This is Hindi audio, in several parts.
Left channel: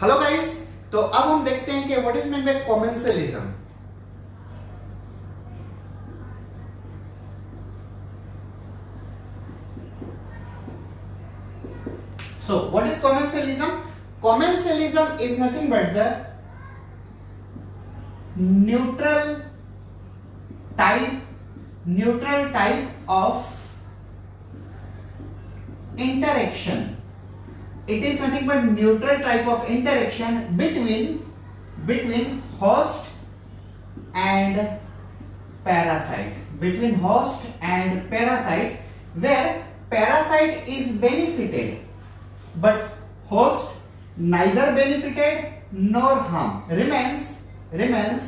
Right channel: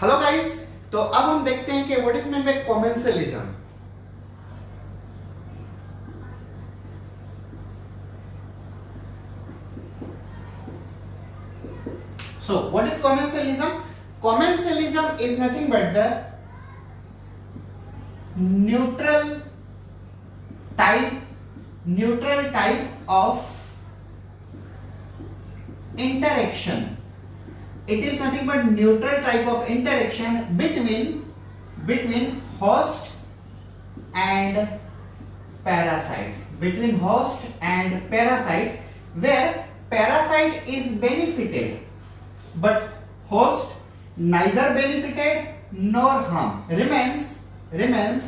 हेलो गाइस, तो अब हम देखते हैं कि what is mean by commensalism. So what is commensalism? Commensalism is nothing but the neutral type of interaction. It is nothing but neutral type of interaction between host and parasite. Between host and parasite, where parasite is benefited, but host neither benefited nor harm, remains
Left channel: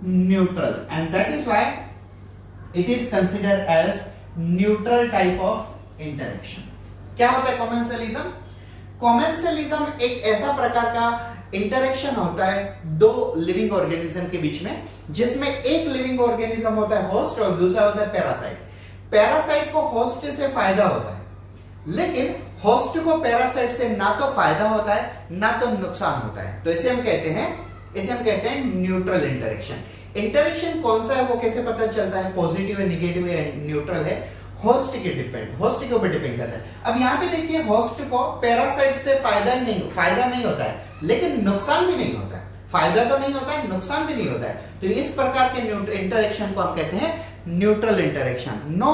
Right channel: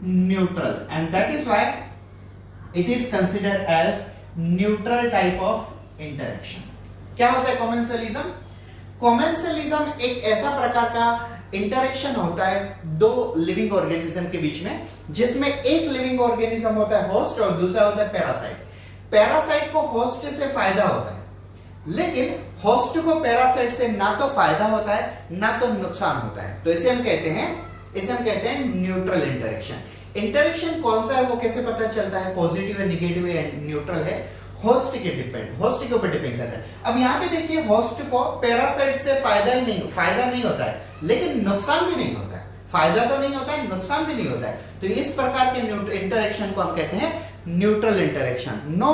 neutral, and that is why it is considered as neutral type of interaction. क्या होता है कॉमेंसलिज्म? कॉमेंसलिज्म एक ऐसा प्रकार का इंटरेक्शन होता है दो लिविंग ऑर्गेनिज्म के बीच में, जिसमें एक लिविंग ऑर्गेनिज्म होता है होस्ट और दूसरा होता है पैरासाइट। पैरासाइट को होस्ट से फायदा होता है, लेकिन होस्ट को पैरासाइट से ना तो फायदा होता है ना तो नुकसान होता है। तो इसे हम कहते हैं न्यूट्रल इंटरेक्शन। इंटरेक्शन कौन सा है, वो कैसे पता चलता है? पॉजिटिव है, निगेटिव है, न्यूट्रल है, होस्ट के ऊपर डिपेंड करता है। अब यहाँ पे देखिए, होस्ट को पैरासाइट से फायदा नहीं होता है, लेकिन नुकसान भी नहीं होता है। फायदा तो नहीं होता है, नुकसान भी नहीं होता है। तो इस प्रकार के इंटरेक्शन को हम कहते हैं neutral interaction. No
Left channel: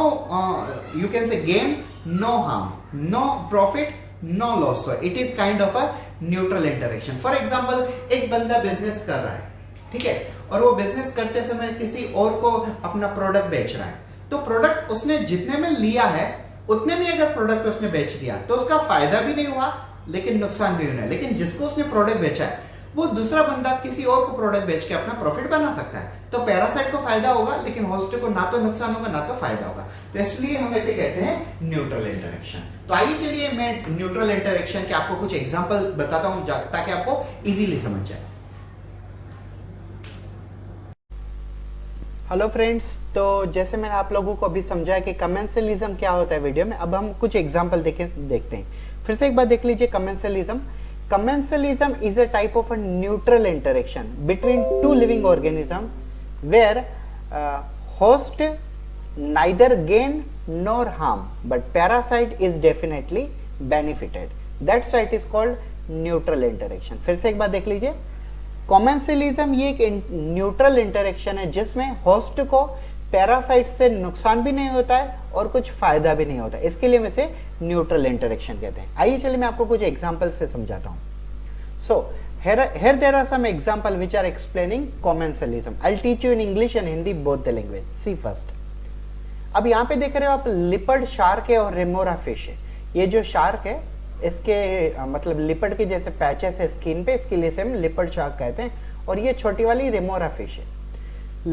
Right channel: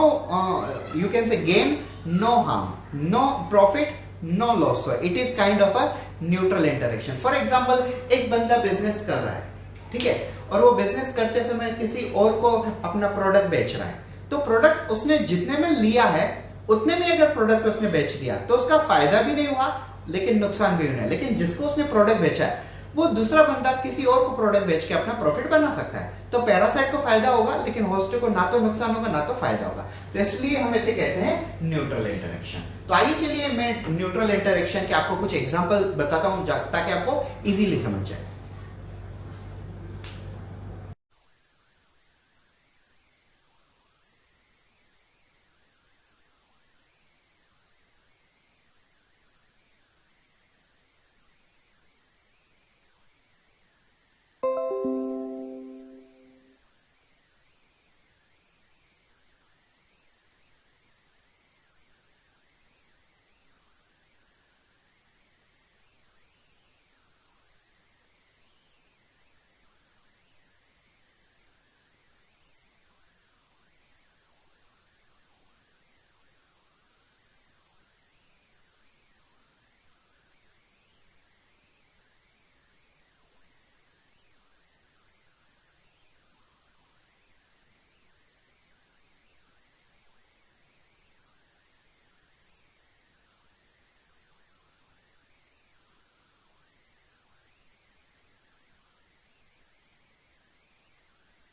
you can say gain, no harm, no profit, no loss. It is kind of a neutral interaction. For example, एक बंदा बिजनेस कर रहा है, ठीक है, और वो बिजनेस करते समय किसी और को अपना प्रोडक्ट बेच रहा है। तो प्रोडक्ट उसने जितने में लिया है उतने में अगर प्रोडक्ट उसने बेच दिया तो उसका फायदा भी नहीं हुआ, लेकिन नुकसान भी हुआ। लेकिन जिसको उसने प्रोडक्ट बेचा है, वो दूसरा बंदा किसी और को प्रोडक्ट बेच के अपना प्रॉफिट बना सकता है। तो पैरासाइट को फायदा होगा, लेकिन होस्ट को ना तो नुकसान होगा ना तो फायदा होगा। तो इसलिए हम इसे कहते हैं न्यूट्रल इंटरेक्शन। तो आइए चलिए मैं न्यूट्रल इंटरेक्शन के आपको कुछ एग्जांपल बताता हूं ताकि आपको इजीली समझ जाए। हेलो फ्रेंड्स, तो जैसे मैंने आप लोगों को अभी समझाया कि कमेंसलिज्म क्या होता है वीडियो में, अब हम कुछ एग्जांपल देखते हैं। फिर से एक बार देख लीजिए commensalism. Commensalism is a type of a neutral interaction between two living organism where host neither gain nor harm, but parasite is definitely benefited. That's why it is called neutral interaction. फिर से एक बार देख लीजिए, कॉमेंसलिज्म ये एक न्यूट्रल इंटरेक्शन है जिसमें होस्ट को पैरासाइट से नुकसान भी नहीं होता है और कुछ फायदा भी नहीं होता है। इसके लिए हम इसे न्यूट्रल इंटरेक्शन कहते हैं। आइए चलिए मैं आपको कुछ एग्जांपल से समझाता हूं। सो here there are some example which are explaining commensalism. I'll teach you in English and Hindi both the language. See first. अब यहाँ पे देख रहे हो आप, लिपर्ड शार्क है और रेमोरा फिश है। ये जो शार्क है, इसके मतलब लिपर्ड के जैसे पैचेस है स्किन पे, इसके लिए से हम लिपर्ड शार्क कहते हैं। और ये छोटी वाली रेमोरा फिश है।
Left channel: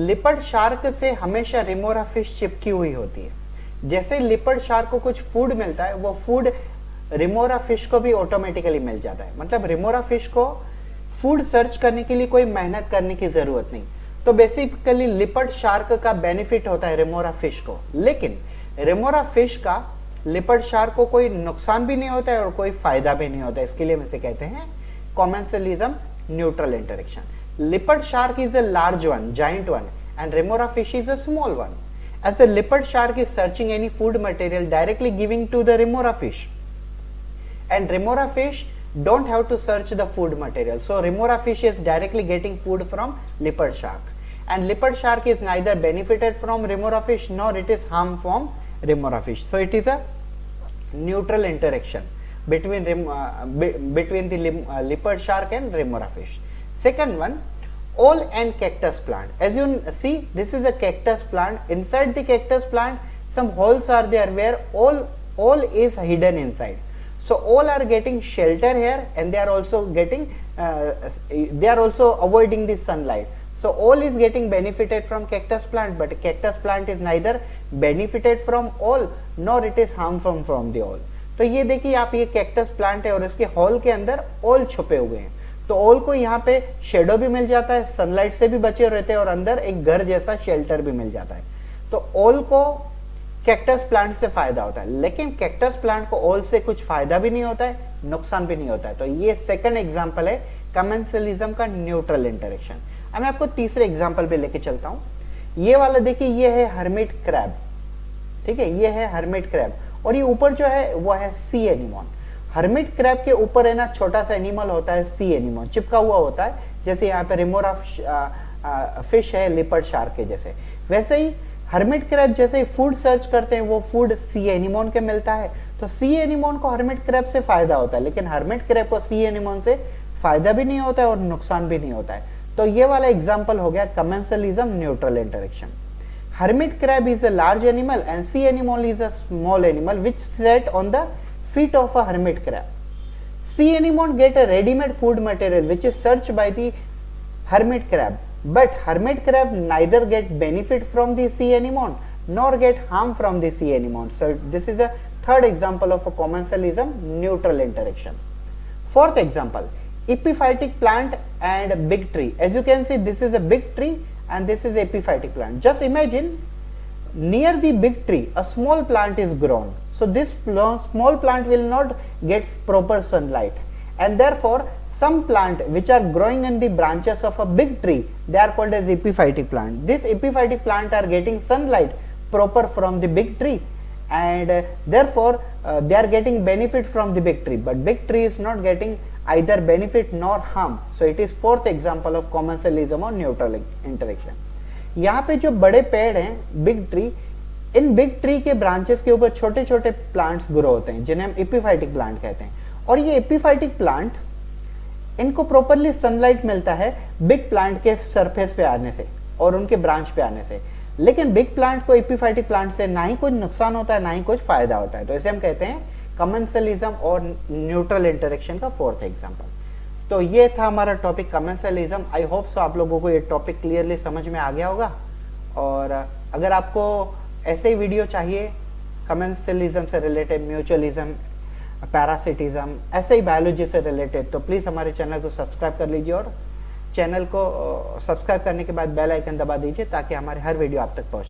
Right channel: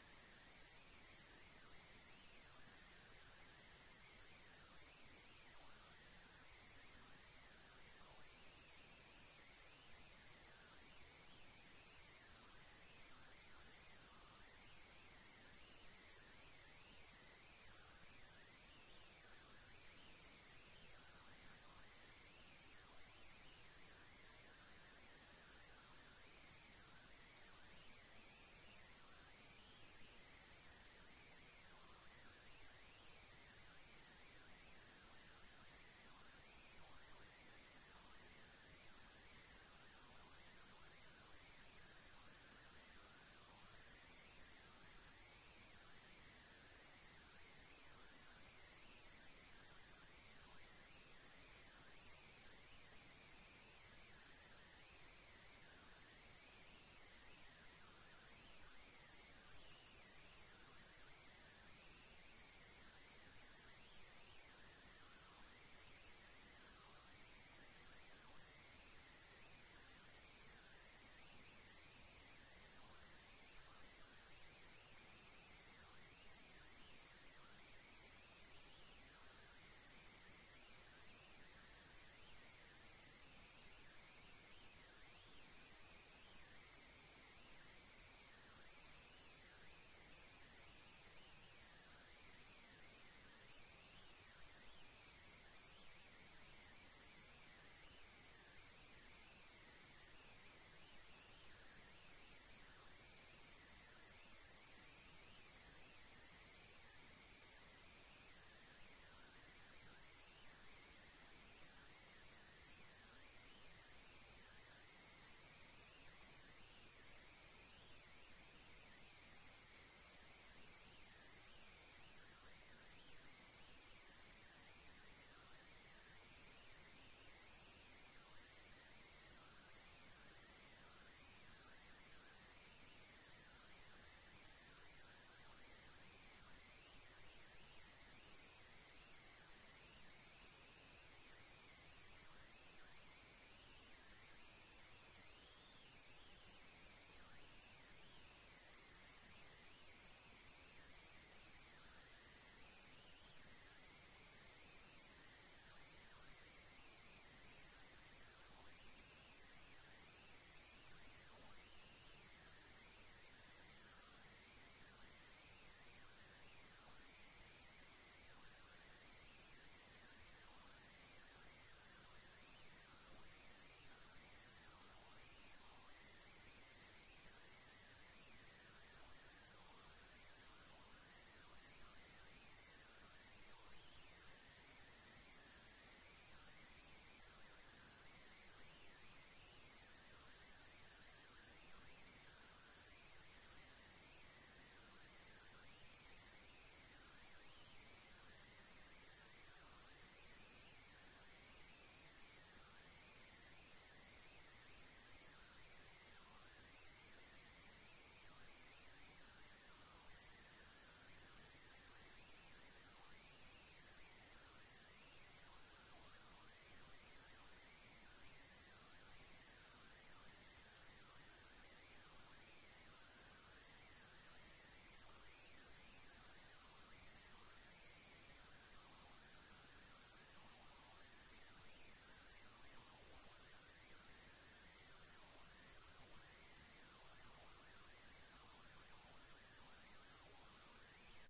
लिपर्ड शार्क से हमेशा रेमोरा फिश चिपकी हुई होती है। जैसे लिपर्ड शार्क को कुछ फूड मिलता है, वो फूड रेमोरा फिश को भी ऑटोमेटिकली मिल जाता है। मतलब रेमोरा फिश को फूड सर्च करने के लिए कोई मेहनत करने की जरूरत नहीं। तो बेसिकली लिपर्ड शार्क का बेनिफिट होता है रेमोरा फिश को, लेकिन रेमोरा फिश का लिपर्ड शार्क को कोई नुकसान भी नहीं होता है और कोई फायदा भी नहीं होता है। इसके लिए हम इसे कहते हैं commensalism neutral interaction. Leopard shark is a large one, giant one, and remora fish is a small one. As the leopard shark is searching any food material directly giving to the remora fish, and remora fish don't have to search the food material, so remora fish is directly getting food from leopard shark, and leopard shark is neither benefited from remora fish nor it is harm from remora fish. So it is a neutral interaction between the leopard shark and remora fish. Second one, owl and cactus plant. As you see, this is a cactus plant. Inside the cactus plant, some holes are there where owl is hidden inside. So owl are getting shelter here, and they are also getting they are also avoiding the sunlight. So owl is getting benefited from cactus plant, but cactus plant is neither benefited from owl nor it is harm from the owl. तो ये देखिए आप, ये कैक्टस प्लांट है और इसके हॉल के अंदर ओल छुपे हुए हैं। तो ओल को यहाँ पे शेडो भी मिल जाता है, सनलाइट से भी बचे रहते हैं और अंदर एक घर जैसा शेल्टर भी मिल जाता है। तो ओल को कैक्टस प्लांट से फायदा होता है, लेकिन कैक्टस प्लांट को ओल से कुछ फायदा भी नहीं होता है, नुकसान भी नहीं होता है। तो ये सेकंड एग्जांपल है कमेंसलिज्म का न्यूट्रल इंटरेक्शन। अब मैं आपको तीसरे एग्जांपल पे लेके चलता हूँ। ये वाला देखिए, ये है हर्मिट क्रैब, ठीक है, ये है हर्मिट क्रैब, और ये ऊपर जो है वो है सी एनिमोन। हर्मिट क्रैब के ऊपर है ना छोटा सा एनिमल होता है सी एनिमोन, चिपका हुआ होता है, जैसे यहाँ पे रिमोरा फिश है लिपर्ड शार्क के जैसे। वैसे ही हर्मिट क्रैब जैसे ही फूड सर्च करते हैं वो फूड सी एनिमोन के मिलता है, तो सी एनिमोन को हर्मिट क्रैब से फायदा होता है, लेकिन हर्मिट क्रैब को सी एनिमोन से फायदा भी नहीं होता है और नुकसान भी नहीं होता है। तो ये वाला एग्जांपल हो गया commensalism neutral interaction. Hermit crab is a large animal and sea anemone is a small animal which sat on the feet of a hermit crab. Sea anemone get a ready-made food material which is searched by the hermit crab, but hermit crab neither get benefit from the sea anemone nor get harm from the sea anemone. So this is a third example of a commensalism neutral interaction. Fourth example, epiphytic plant and big tree. As you can see, this is a big tree and this is epiphytic plant. Just imagine near the big tree a small plant is grown, so this small plant will not get proper sunlight, and therefore some plant which are growing in the branches of a big tree, they are called as epiphytic plant. This epiphytic plant are getting sunlight proper from the big tree, and therefore they are getting benefit from the big tree, but big tree is not getting either benefit nor harm. So it is fourth example of commensalism or neutral interaction. यहाँ पे जो बड़े पेड़ हैं big tree, in big tree के ब्रांचेस के ऊपर छोटे छोटे प्लांट्स ग्रो होते हैं जिन्हें हम एपिफाइटिक प्लांट कहते हैं, और ये एपिफाइटिक प्लांट इनको प्रॉपरली सनलाइट मिलता है बिग प्लांट के सरफेस पे आने से और उनके ब्रांच पे आने से, लेकिन बिग प्लांट को एपिफाइटिक प्लांट से ना ही कुछ नुकसान होता है ना ही कुछ फायदा होता है, तो इसे हम कहते हैं कमेंसलिज्म और न्यूट्रल इंटरेक्शन का फोर्थ एग्जांपल। तो ये था हमारा topic commensalism. I hope so आप लोगों को ये टॉपिक क्लियरली समझ में आ गया होगा, और अगर आपको ऐसे ही वीडियो चाहिए कमेंसलिज्म से रिलेटेड, म्यूचुअलिज्म, पैरासिटिज्म, ऐसे ही बायोलॉजी से रिलेटेड, तो प्लीज़ हमारे चैनल को सब्सक्राइब कर लीजिए, और चैनल को सब्सक्राइब करने के बाद बेल आइकन दबा दीजिए ताकि हमारे हर वीडियो आप तक पहुँचे।